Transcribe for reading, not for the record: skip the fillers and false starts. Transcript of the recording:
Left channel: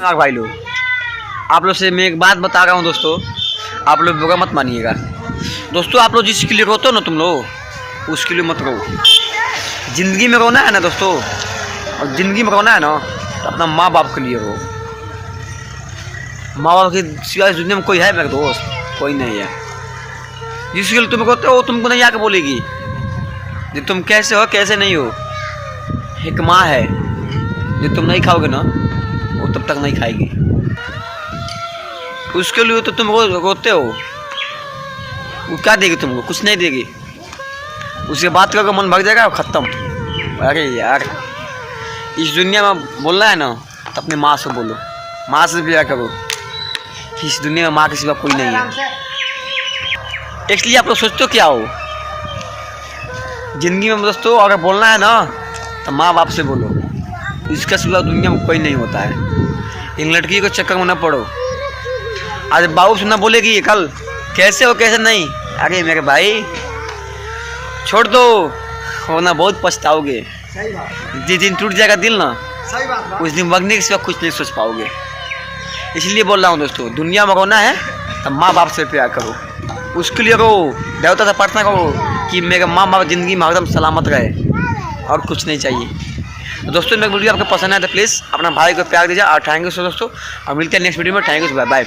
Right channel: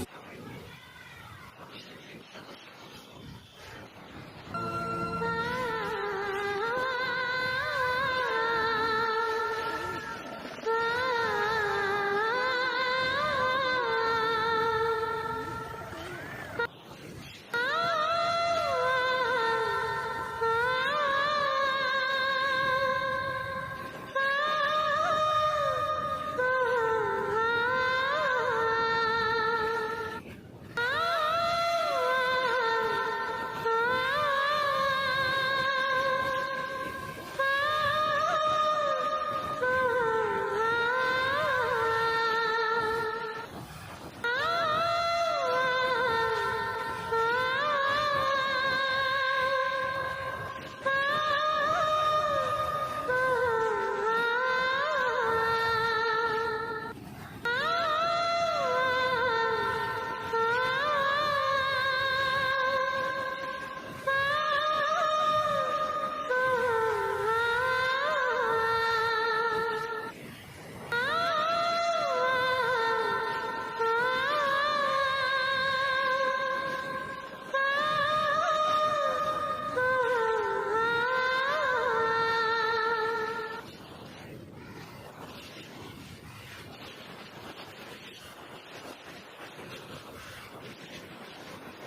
भाई लोग, आप लोग से मैं एक बात बता रहा हूँ दोस्तों, आप लोग बुरा मत मानिएगा दोस्तों। आप लोग जिसके लिए रोते हो ना तुम लोग, उसके लिए मत रो। ज़िंदगी में रोना है ना दोस्तों, और ज़िंदगी में रोना है ना तो अपना माँ बाप के लिए रो। माँ बाप के सिवाय दुनिया में कोई है मेरे दोस्त? कोई नहीं है। जिसके लिए तुम रोते हो तुमको नहीं आके बोलेगी कि तुम कैसे हो कैसे नहीं हो। एक माँ है जो तुम नहीं खाओगे ना वो तब तक नहीं खाएगी। उसके लिए तो तुम रोते हो, वो क्या देगी तुमको? कुछ नहीं देगी। उससे बात करके मन भर जाएगा, ख़त्म। अरे यार, इस दुनिया में बोलना है ना तो अपनी माँ से बोलो, माँ से प्यार करो। इस दुनिया में माँ के सिवा कोई नहीं है। इसलिए आप लोग सोचते हो क्या हो ज़िंदगी में दोस्तों? अगर बोलना है ना तो माँ बाप से बोलो, इसका सिवा दुनिया में कोई नहीं होता है। इन लड़की को चक्कर में न पड़ो। आज बाबू से ना बोलेगी कल कैसे हो कैसे नहीं। अरे मेरे भाई छोड़ दो, होना बहुत पछताओगे। जिस दिन टूट जाएगा दिल ना, उस दिन मरने के सिवा कुछ नहीं सोच पाओगे। इसलिए बोल रहा हूँ दोस्तों, दुनिया में रोना है तो माँ बाप से प्यार करो, उसके लिए रो। देवता से प्रार्थना करो कि मेरे माँ बाप ज़िंदगी में एकदम सलामत रहे, और कुछ नहीं चाहिए। तो दोस्तों मेरी वीडियो आपको पसंद है तो प्लीज़ अपना भाई को प्यार दीजिए। और थैंक यू सो दोस्तों, और मिलते हैं नेक्स्ट वीडियो में। Thank you, bye bye.